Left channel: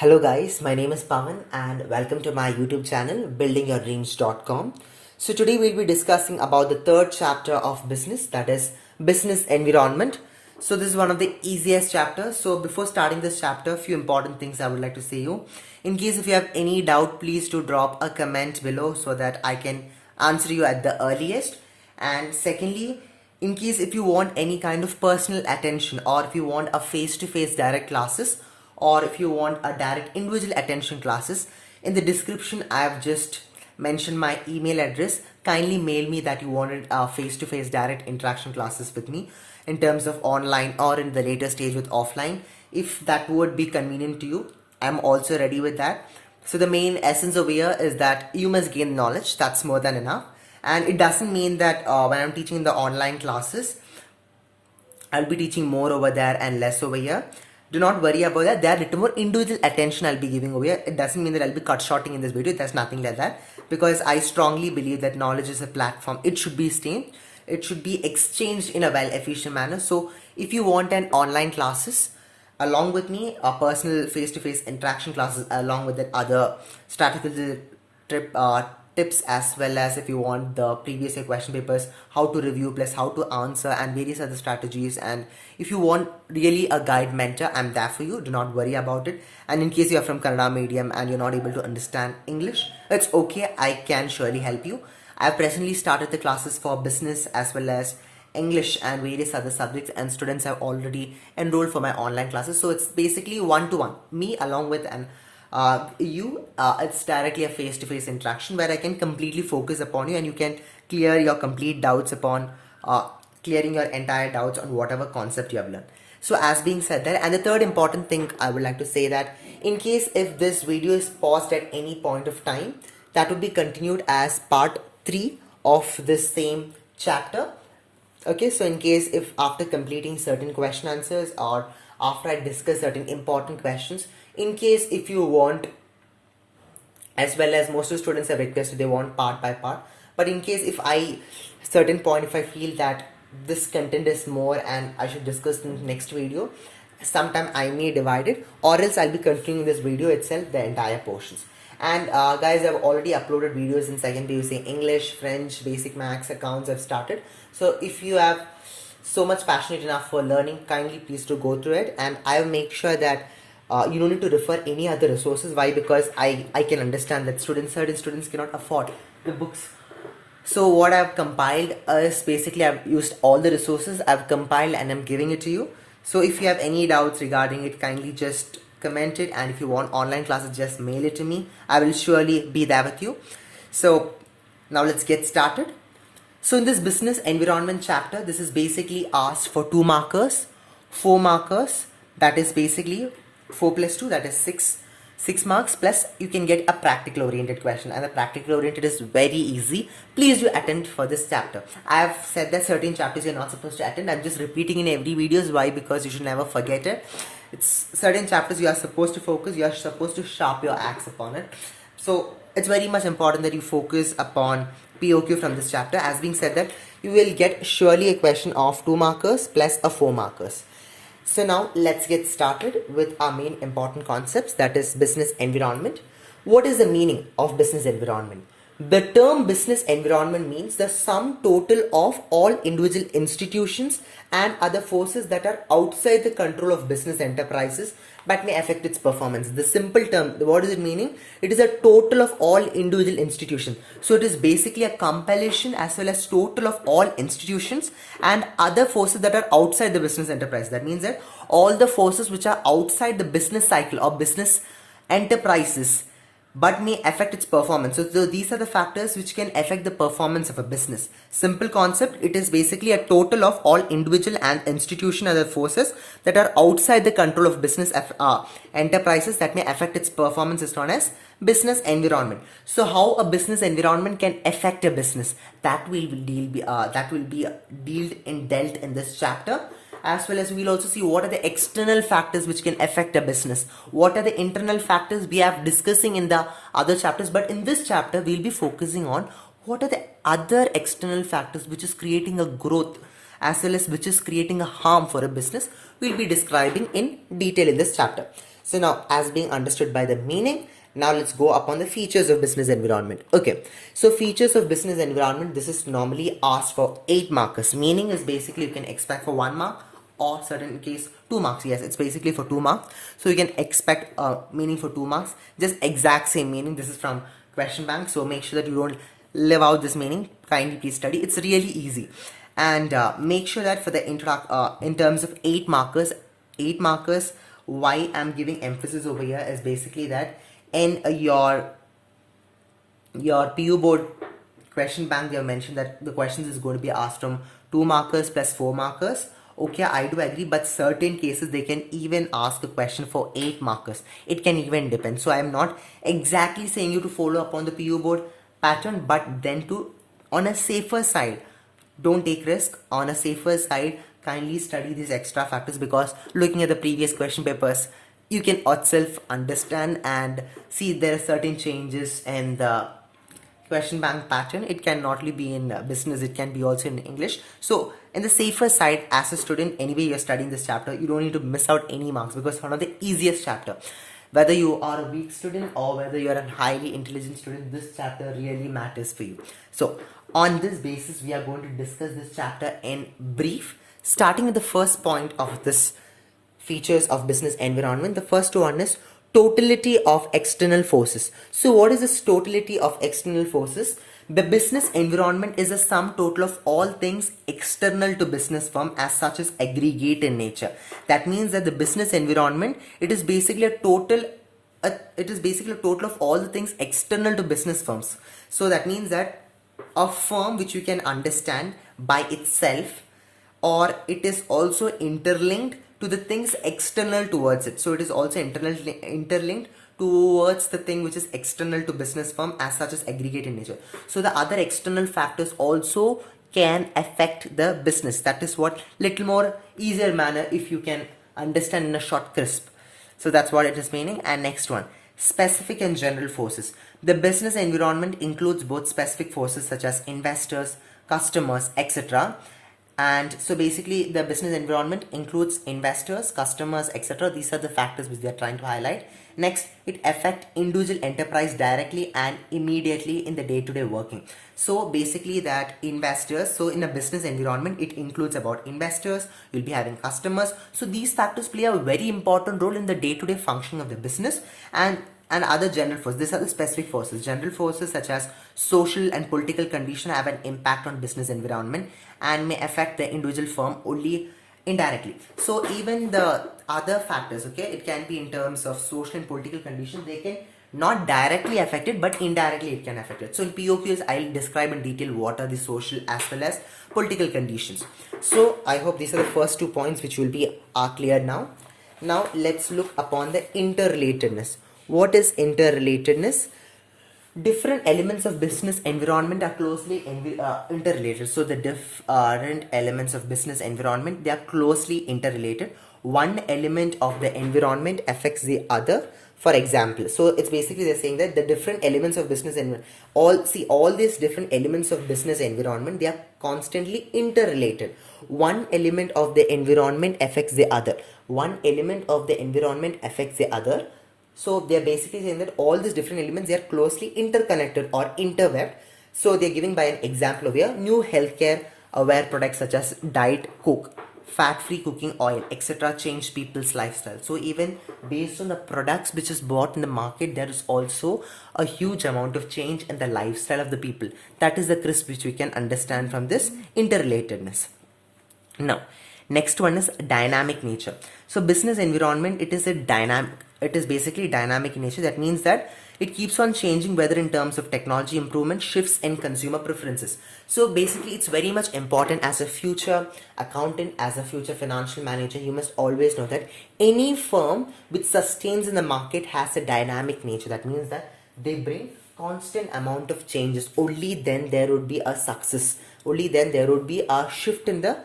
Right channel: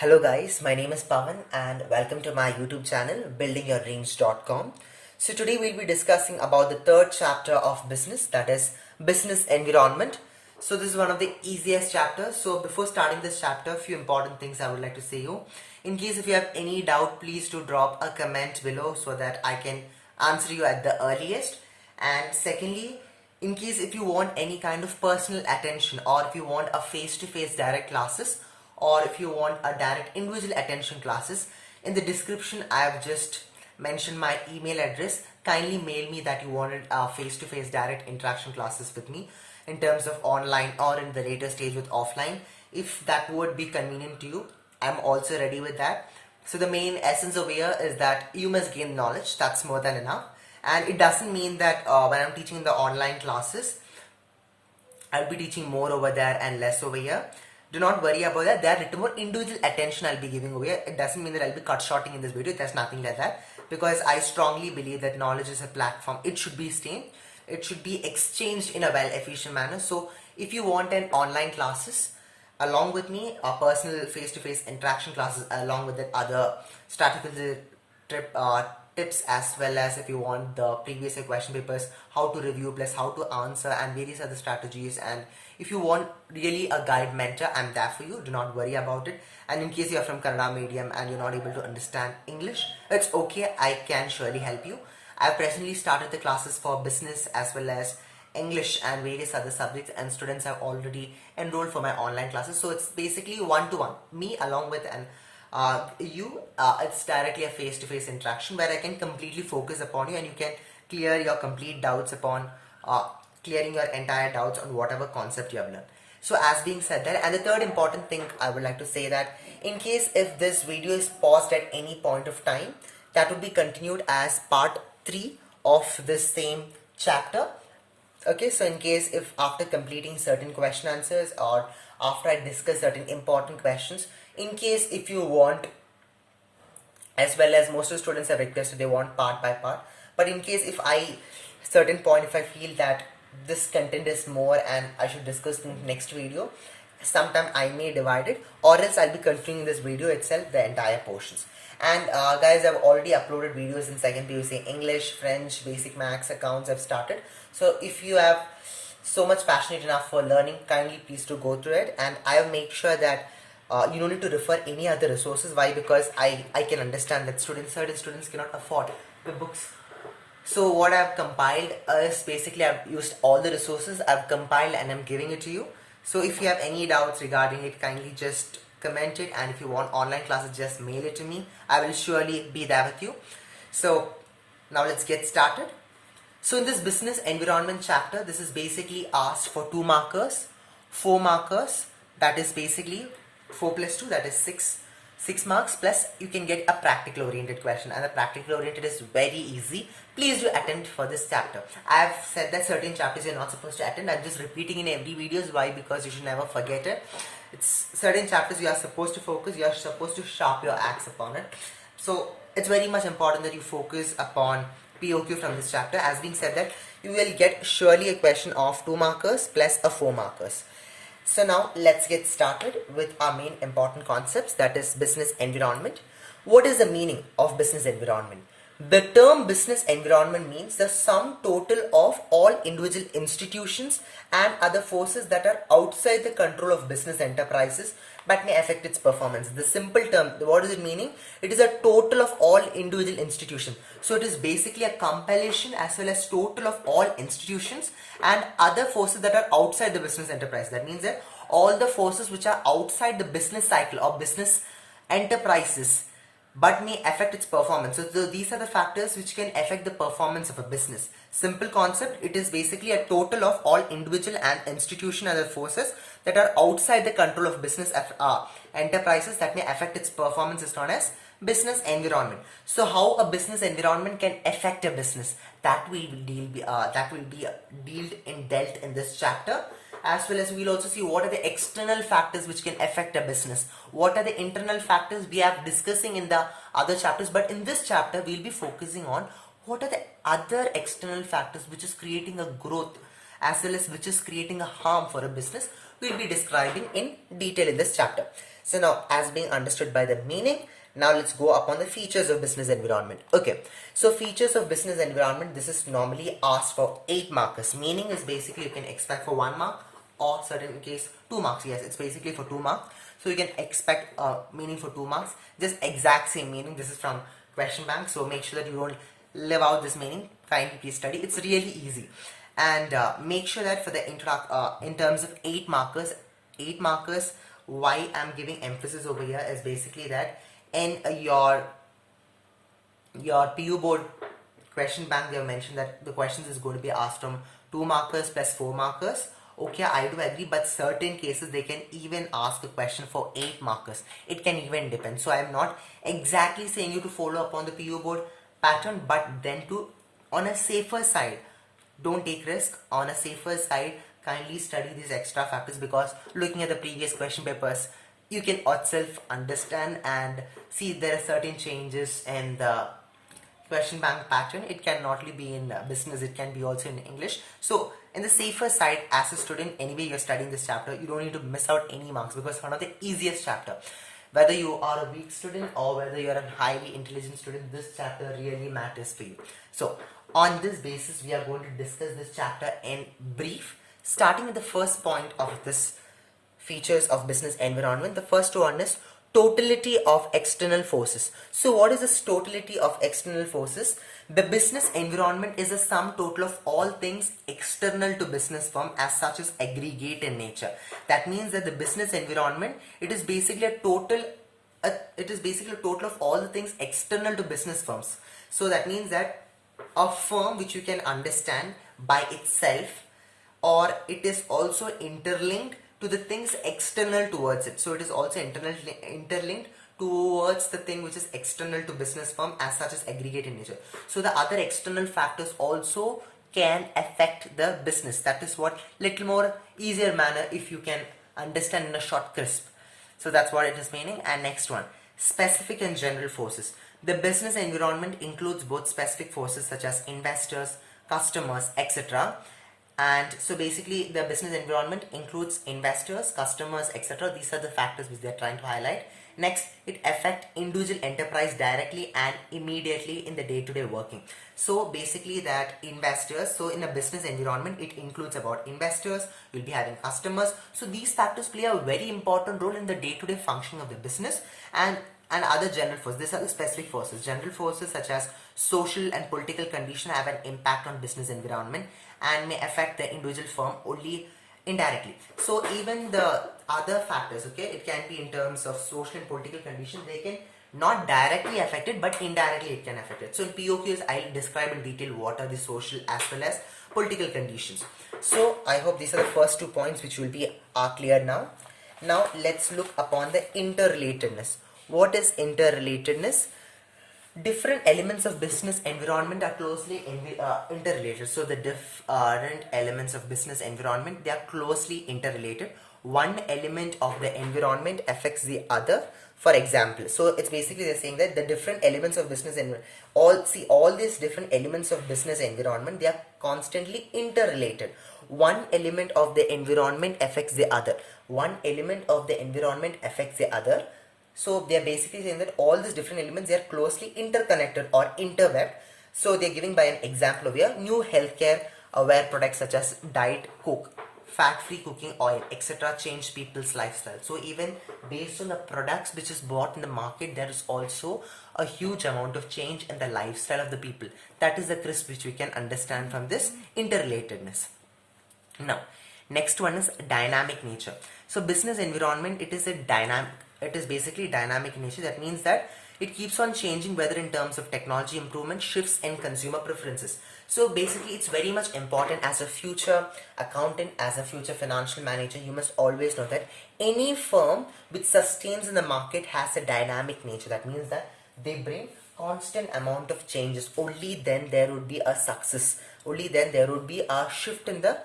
Hello guys, my name is Pawan and welcome to my YouTube channel buildingyourdreams.com. So today we'll be discussing about the third chapter of business, that is business environment. So this is one of the easiest chapters. So before starting this chapter, a few important things I would like to say you. In case if you have any doubt, please do drop a comment below so that I can answer you at the earliest. And secondly, in case if you want any kind of personal attention, or if you want a face-to-face direct classes, or if you want a direct individual attention classes, in the description I have just mentioned my email address. Kindly mail me that you wanted face-to-face direct interaction classes with me in terms of online or in the later stage with offline. If that would be convenient to you, I'm also ready with that. So the main essence over here is that you must gain knowledge. That's more than enough. And it doesn't mean that when I'm teaching the online classes, I'll be teaching more over there and less over here. Do not worry about that. There are little more individual attention I'll be giving over here. It doesn't mean that I'll be cut shorting in this video. There's nothing like that. Because I strongly believe that knowledge is a platform. It should be staying. It should be exchanged in a well efficient manner. So if you want an online classes along with me, a personal face-to-face interaction classes along with that other strategical tips, as well as if you want the previous year question papers, how to review plus how to answer and various other strategies, and if you want really a guide mentor, I'm there for you. Do not worry about it. And in case you're from Kannada medium and you're not able to understand English, it's okay, I can surely help you. I've presently started the classes for business as well as English and various other subjects, and students have already enrolled for my online classes. So it's basically one-to-one, me along with an it's directly a face-to-face interaction where I can completely focus upon you and you can clear your complete doubts upon clearing your entire doubts on whatever concept you have learned. So as being said that, and the third important thing I would like to say that in case if this video is paused at any point of time, that would be continued as part 3 of this same chapter. Okay, so in case if after completing certain question answers or after I discuss certain important questions, in case if you want, as well as most of the students have requested they want part by part, but in case if I certain point if I feel that this content is more and I should discuss in the next video, sometime I may divide it, or else I'll be continuing this video itself the entire portions. And guys, I've already uploaded videos in second PUC English, French, basic maths, accounts I've started. So if you have so much passionate enough for learning, kindly please do go through it, and I'll make sure that you don't need to refer any other resources. Why? Because I can understand that certain students cannot afford the books. So what I've compiled is basically I've used all the resources I've compiled and I'm giving it to you. So if you have any doubts regarding it, kindly just comment it, and if you want online classes, just mail it to me. I will surely be there with you. So now let's get started. So in this business environment chapter, this is basically asked for 2 markers, 4 markers, that is basically 4 plus 2, that is 6 marks, plus you can get a practical oriented question, and the practical oriented is very easy. Please do attend for this chapter. I have said that certain chapters you're not supposed to attend. I'm just repeating in every videos. Why? Because you should never forget it. It's certain chapters you are supposed to focus, you are supposed to sharp your axe upon it. So it's very much important that you focus upon POQ from this chapter. As being said that, you will get surely a question of 2 markers plus a 4 markers. So now let's get started with our main important concepts, that is business environment. What is the meaning of business environment? The term business environment means the sum total of all individual institutions and other forces that are outside the control of business enterprises but may affect its performance. The simple term, what is it meaning? It is a total of all individual institutions. So it is basically a compilation as well as total of all institutions and other forces that are outside the business enterprise. That means that all the forces which are outside the business cycle or business enterprises but may affect its performance. So these are the factors which can affect the performance of a business. Simple concept, it is basically a total of all individual and institutional other forces that are outside the control of business enterprises that may affect its performance is known as business environment. So how a business environment can affect a business, that will be dealt in this chapter. As well as we will also see what are the external factors which can affect a business. What are the internal factors we have discussing in the other chapters, but in this chapter we will be focusing on what are the other external factors which is creating a growth as well as which is creating a harm for a business. We will be describing in detail in this chapter. So now, as being understood by the meaning, now let's go upon the features of business environment. Okay, so features of business environment, this is normally asked for 8 markers. Meaning is basically you can expect for 1 mark, or certain case 2 marks. Yes, it's basically for 2 marks. So you can expect meaning for 2 marks. Just exact same meaning. This is from question bank. So make sure that you don't live out this meaning. Kindly please study. It's really easy. And make sure that for the in terms of 8 markers, why I'm giving emphasis over here is basically that in your PU board question bank, they have mentioned that the questions is going to be asked from 2 markers plus 4 markers. Okay, I do agree, but certain cases they can even ask a question for 8 markers. It can even depend. So I'm not exactly saying you to follow up on the PU board pattern, but then to, on a safer side, don't take risk. On a safer side, kindly study these extra factors, because looking at the previous question papers, you can yourself understand and see there are certain changes in the question bank pattern. It can not only be in business, it can be also in English. So in the safer side, as a student, anyway you're studying this chapter, you don't need to miss out any marks, because it's one of the easiest chapter. Whether you are a weak student or whether you're a highly intelligent student, this chapter really matters for you. So on this basis, we are going to discuss this chapter in brief, starting with the first point of this features of business environment. The first one is totality of external forces. So what is this totality of external forces? The business environment is a sum total of all things external to business firm, as such as aggregate in nature. That means that the business environment, it is basically a total of all the things external to business firms. So that means that a firm which you can understand by itself, or it is also interlinked to the things external towards it. So it is also interlinked towards the thing which is external to business firm, as such as aggregate in nature. So the other external factors also can affect the business. That is what little more easier manner if you can understand in a short crisp. So that's what it is meaning. And next one, specific and general forces. The business environment includes both specific forces such as investors, customers, etc. And so basically the business environment includes investors, customers, etc. These are the factors which they are trying to highlight. Next, it affects individual enterprise directly and immediately in the day-to-day working. So basically that investors, so in a business environment, it includes about investors, you'll be having customers. So these factors play a very important role in the day-to-day function of the business. And other general forces. These are the specific forces. General forces such as social and political conditions have an impact on business environment and may affect the individual firm only indirectly. So even the other factors, okay, it can be in terms of social and political conditions, they can not directly affect it, but indirectly it can affect it. So in POQs, I'll describe in detail what are the social as well as political conditions. So I hope these are the first 2 points which will be clear now. Now let's look upon the interrelatedness. What is interrelatedness? Different elements of business environment are closely interrelated. So the different elements of business environment, they are closely interrelated. One element of the environment affects the other. For example, so it's basically they're saying that the different elements of business environment, all these different elements of business environment, they are constantly interrelated. One element of the environment affects the other. One element of the environment affects the other. So they are basically saying that all these different elements, they are closely interconnected or interwebbed. So they are giving by an example of here, new healthcare aware products such as Diet Coke, fat-free cooking oil, etc. change people's lifestyle. So even based on the products which is bought in the market, there is also a huge amount of change in the lifestyle of the people. That is the crisp which we can understand from this interrelatedness. Now, next one is dynamic nature. So business environment, it is basically dynamic in nature. That means that it keeps on changing, whether in terms of technology improvement, shifts in consumer preferences. So basically it's very much important as a future accountant, as a future financial manager, you must always know that any firm which sustains in the market has a dynamic nature. That means that they bring constant amount of changes. Only then there would be a success. Only then there would be a shift in the,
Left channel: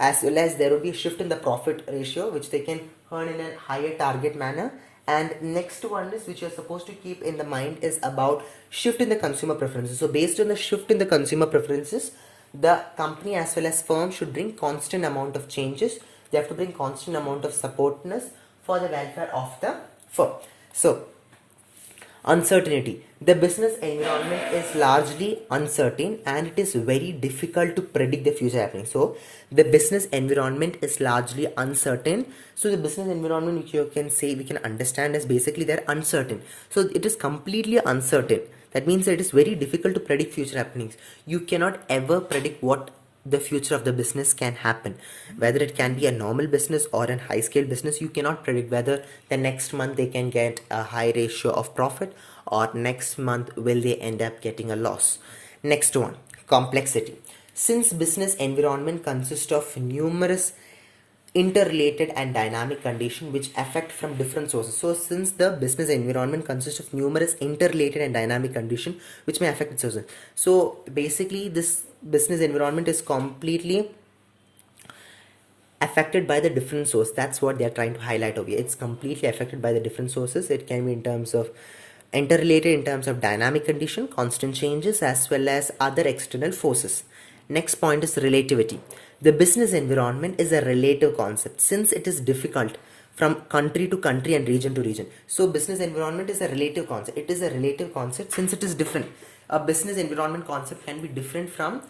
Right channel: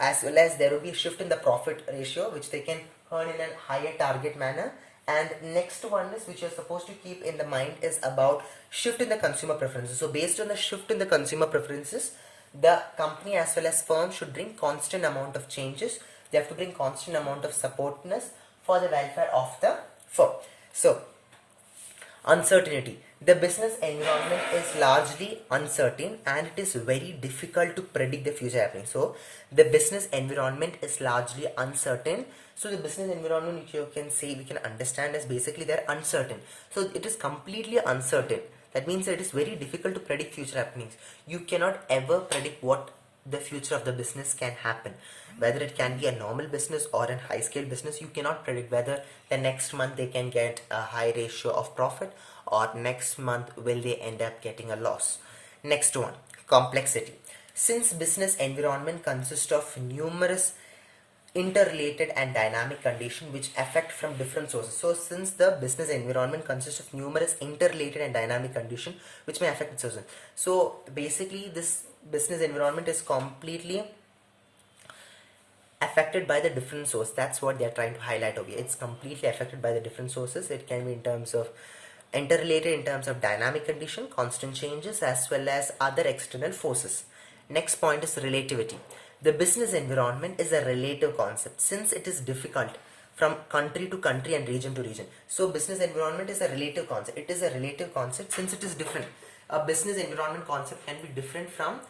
as well as there would be a shift in the profit ratio, which they can earn in a higher target manner. And next one is, which you're supposed to keep in the mind, is about shift in the consumer preferences. So based on the shift in the consumer preferences, the company as well as firm should bring constant amount of changes. They have to bring constant amount of supportness for the welfare of the firm. So, uncertainty. The business environment is largely uncertain and it is very difficult to predict the future happening. So, the business environment is largely uncertain. So, the business environment, which you can say, we can understand as basically they're uncertain. So, it is completely uncertain. That means that it is very difficult to predict future happenings. You cannot ever predict what the future of the business can happen, whether it can be a normal business or a high scale business. You cannot predict whether the next month they can get a high ratio of profit or next month will they end up getting a loss. Next one, complexity. Since business environment consists of numerous interrelated and dynamic conditions which affect from different sources. So since the business environment consists of numerous interrelated and dynamic conditions which may affect its sources. So basically this business environment is completely affected by the different source. That's what they're trying to highlight over here. It's completely affected by the different sources. It can be in terms of interrelated, in terms of dynamic condition, constant changes, as well as other external forces. Next point is relativity. The business environment is a relative concept since it is difficult from country to country and region to region. So business environment is a relative concept. It is a relative concept since it is different. A business environment concept can be different from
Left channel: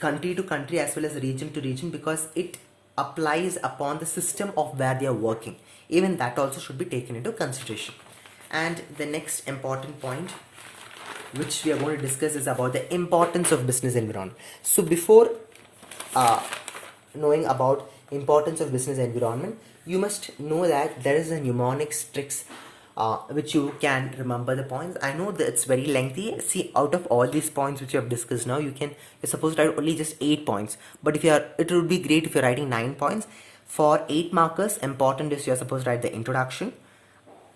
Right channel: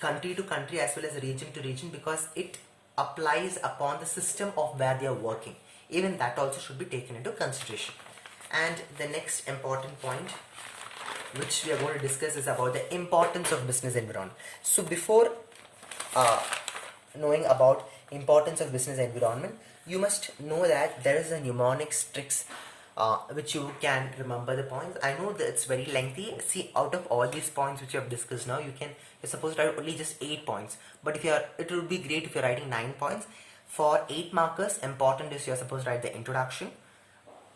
country to country as well as region to region because it applies upon the system of where they are working. Even that also should be taken into consideration. And the next important point which we are going to discuss is about the importance of business environment. So before knowing about importance of business environment, you must know that there is a mnemonics tricks which you can remember the points. I know that it's very lengthy. See, out of all these points which you have discussed now, you're supposed to write only just 8 points. But if it would be great if you're writing 9 points. For 8 markers, important is you're supposed to write the introduction,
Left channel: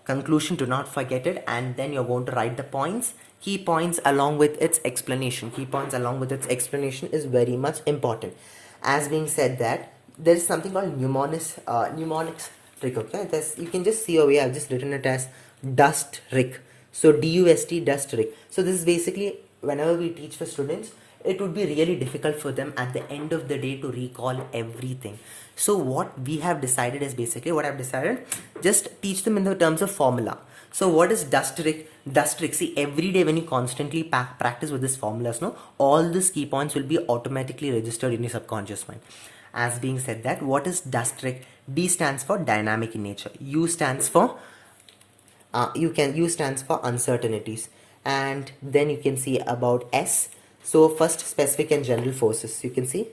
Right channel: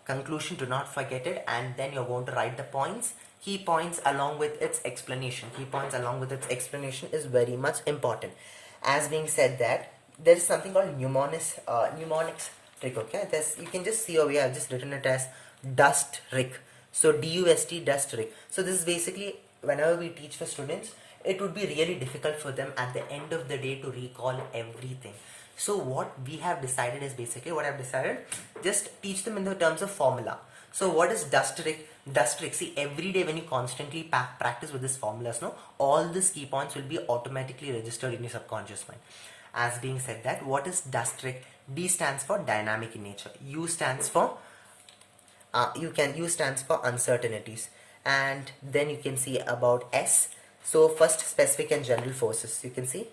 conclusion, do not forget it, and then you're going to write the points. Key points along with its explanation. Key points along with its explanation is very much important. As being said that, there is something called mnemonics trick. Okay, you can just see over here. I've just written it as dust trick. So DUST, dust trick. So this is basically whenever we teach for students, it would be really difficult for them at the end of the day to recall everything. So what we have decided is basically what I've decided, just teach them in the terms of formula. So what is dust trick? Dust trick. See, every day when you constantly practice with this formulas, no, all these key points will be automatically registered in your subconscious mind. As being said that, what is dust trick? D stands for dynamic in nature. U stands for U stands for uncertainties, and then you can see about S. So first, specific and general forces. You can see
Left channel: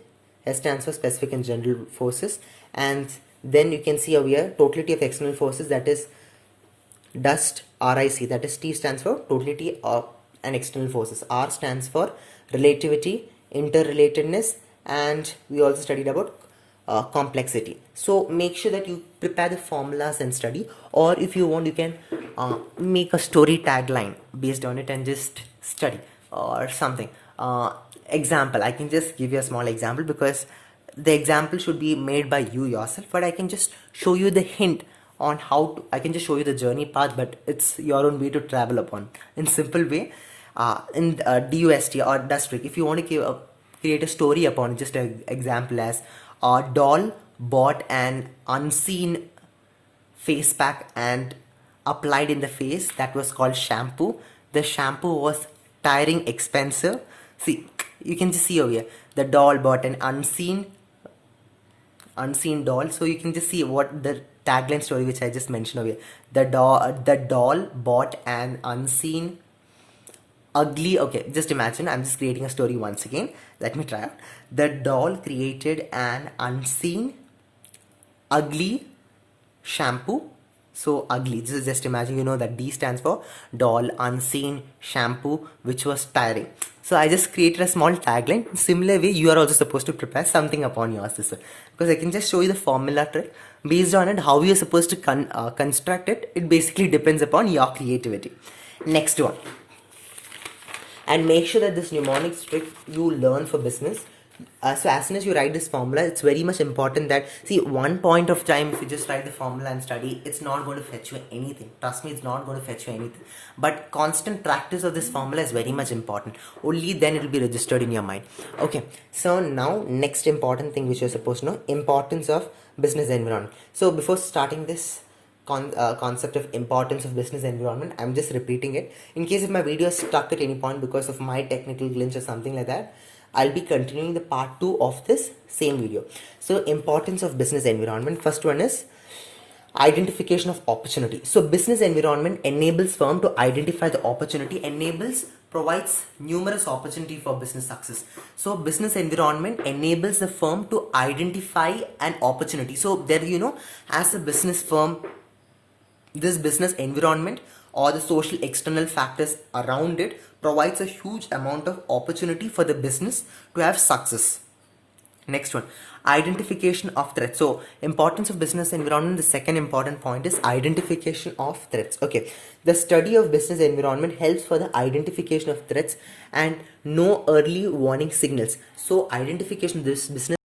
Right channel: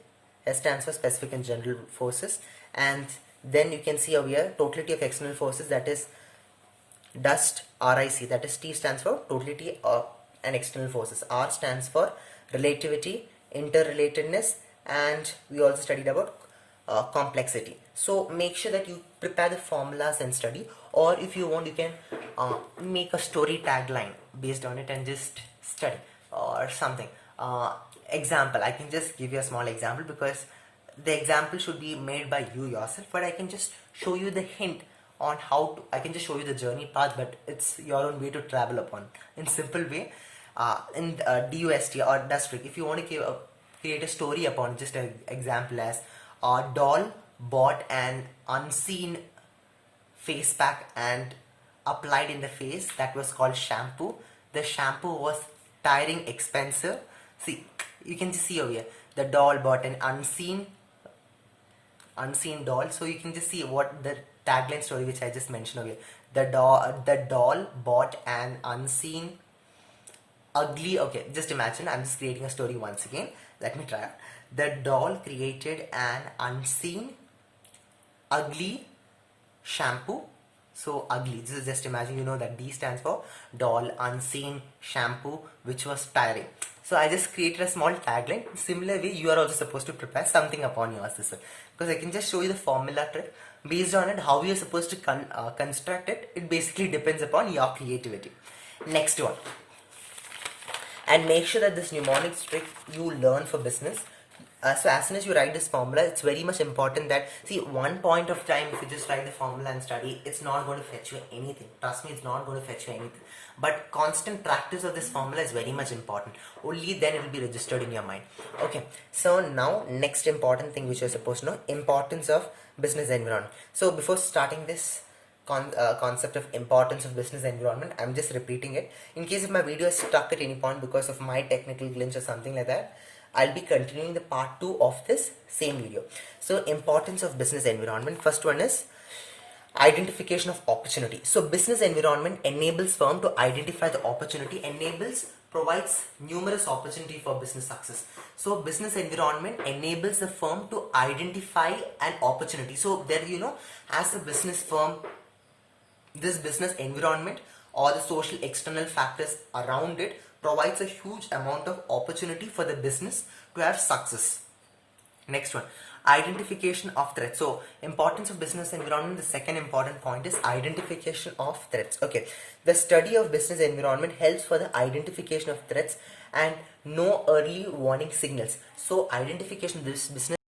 S stands for specific and general forces, and then you can see over here totality of external forces, that is dust RIC, that is T stands for totality of and external forces. R stands for relativity, interrelatedness, and we also studied about complexity. So make sure that you prepare the formulas and study, or if you want you can make a story tagline based on it and just study or something. Example, I can just give you a small example because the example should be made by you yourself, but I can just show you the hint on how to, I can just show you the journey path, but it's your own way to travel upon in simple way. In DUST or dust trick, if you want to create a story upon, just an example as a doll bought an unseen face pack and applied in the face, that was called shampoo. The shampoo was tiring, expensive. See, you can just see over here, the doll bought an unseen doll. So you can just see what the tagline story which I just mentioned over here. The doll bought an unseen ugly, okay, just imagine, I'm just creating a story once again. Let me try. The doll created an unseen ugly shampoo. So ugly, this is just imagine, you know that D stands for doll, unseen, shampoo, which was tiring. So I just created a small tagline. Similar way, you are also supposed to prepare something upon your system, because I can just show you the formula trick. Based on it, how you are supposed to construct it, it basically depends upon your creativity. Next one. And make sure that this mnemonics trick you learn for business, So as soon as you write this formula, it's very much important that, see, one point of time, if you just write the formula and study, it's not going to fetch you anything. Trust me, it's not going to fetch you anything. But constant practice of this formula is very much important. Only then it will be registered in your mind. Okay, so now next important thing which you're supposed to know, importance of business environment. So before starting this concept of importance of business environment, I'm just repeating it. In case if my video is stuck at any point because of my technical glitch or something like that, I'll be continuing the part 2 of this same video. So importance of business environment. First one is identification of opportunity. So business environment enables firm to identify the opportunity, provides numerous opportunity for business success. So business environment enables the firm to identify an opportunity. So there, as a business firm, this business environment or the social external factors around it provides a huge amount of opportunity for the business to have success. Next one, identification of threats. So importance of business environment, the second important point is identification of threats. Okay, the study of business environment helps for the identification of threats and know early warning signals. So identification, this business